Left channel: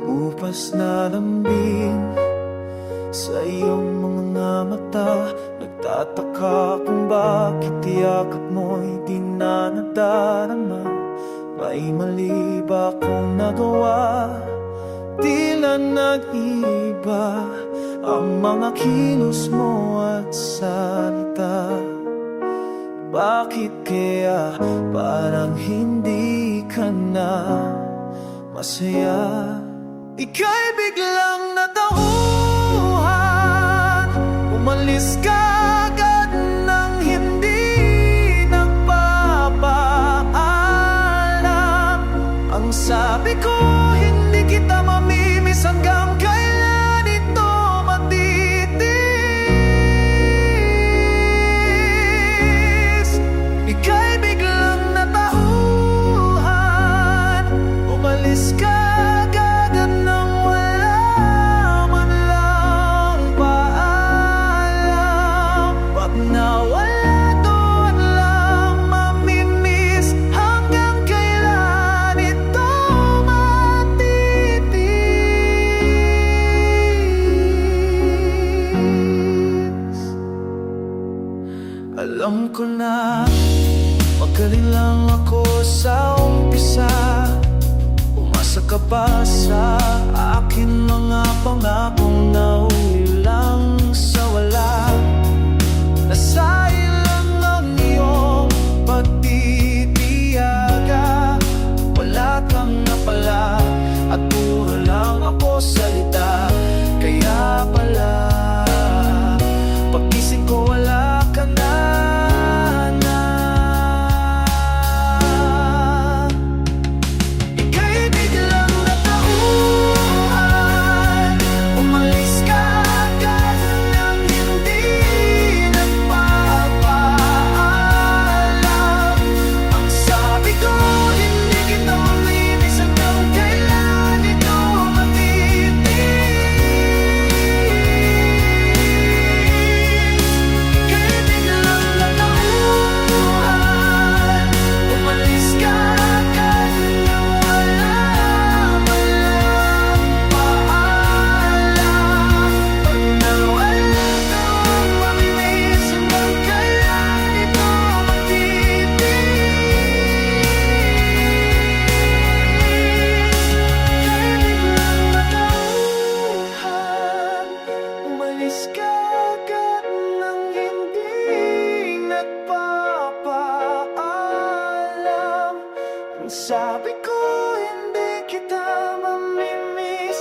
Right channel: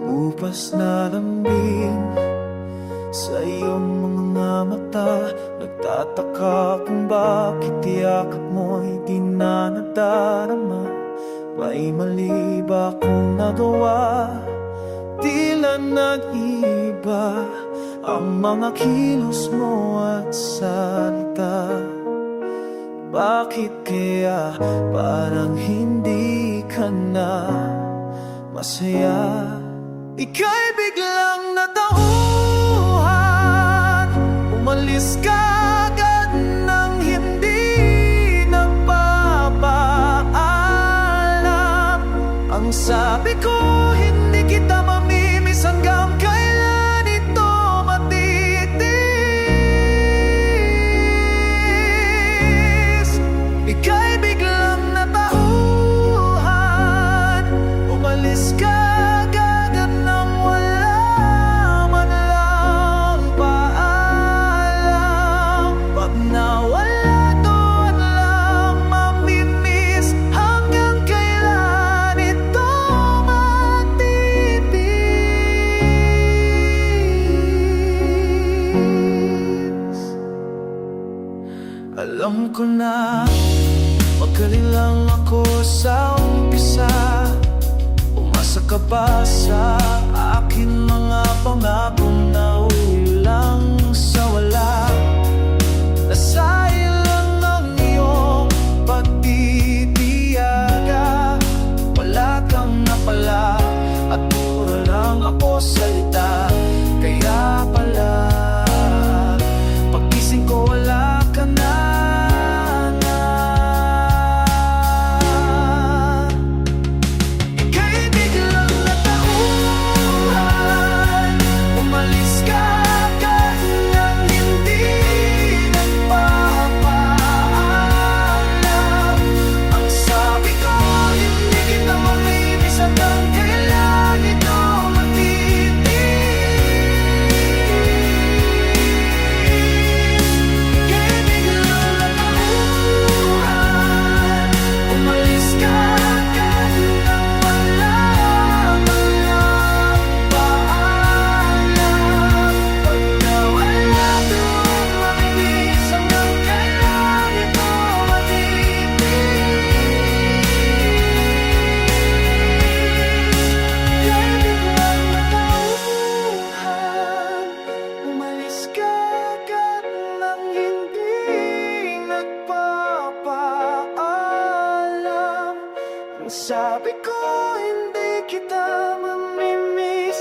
Umupas na lambing sa iyong mga mata. Nagtataka kung bakit yakap mo'y di na nadarama. May mali ba akong nagawa? Tila nag-iba ang mga kilos mo at salita. Bakit kaya parang hindi ka na masaya? Ika'y biglang natauhan, umalis ka agad nang hindi nagpapaalam. Ang sabi ko, hindi kita mamimiss hanggang kailan ito matitiis. Ika'y biglang natauhan, umalis ka agad nang wala man lang paalam. Pag nawala doon lang mamimiss hanggang kailan ito matitiis. Alam ko na magaling lang ako sa umpisa. Umasa ka ba sa akin mga pangakong nauwi lang sa wala? Nasayang lang ang iyong pagtitiyaga. Wala kang napala at puro lang ako salita. Kaya pala paggising ko wala ka na. Ika'y biglang natauhan, umalis ka agad nang hindi nagpapaalam. Ang sabi ko, hindi kita mamimiss hanggang kailan ito matitiis. Ika'y biglang natauhan, umalis ka agad nang wala man lang paalam. Pag nawala doon mamimiss hanggang kailan ito matitiis. Ika'y biglang natauhan, umalis ka agad nang hindi nagpapaalam. Ang sabi ko, hindi kita mamimiss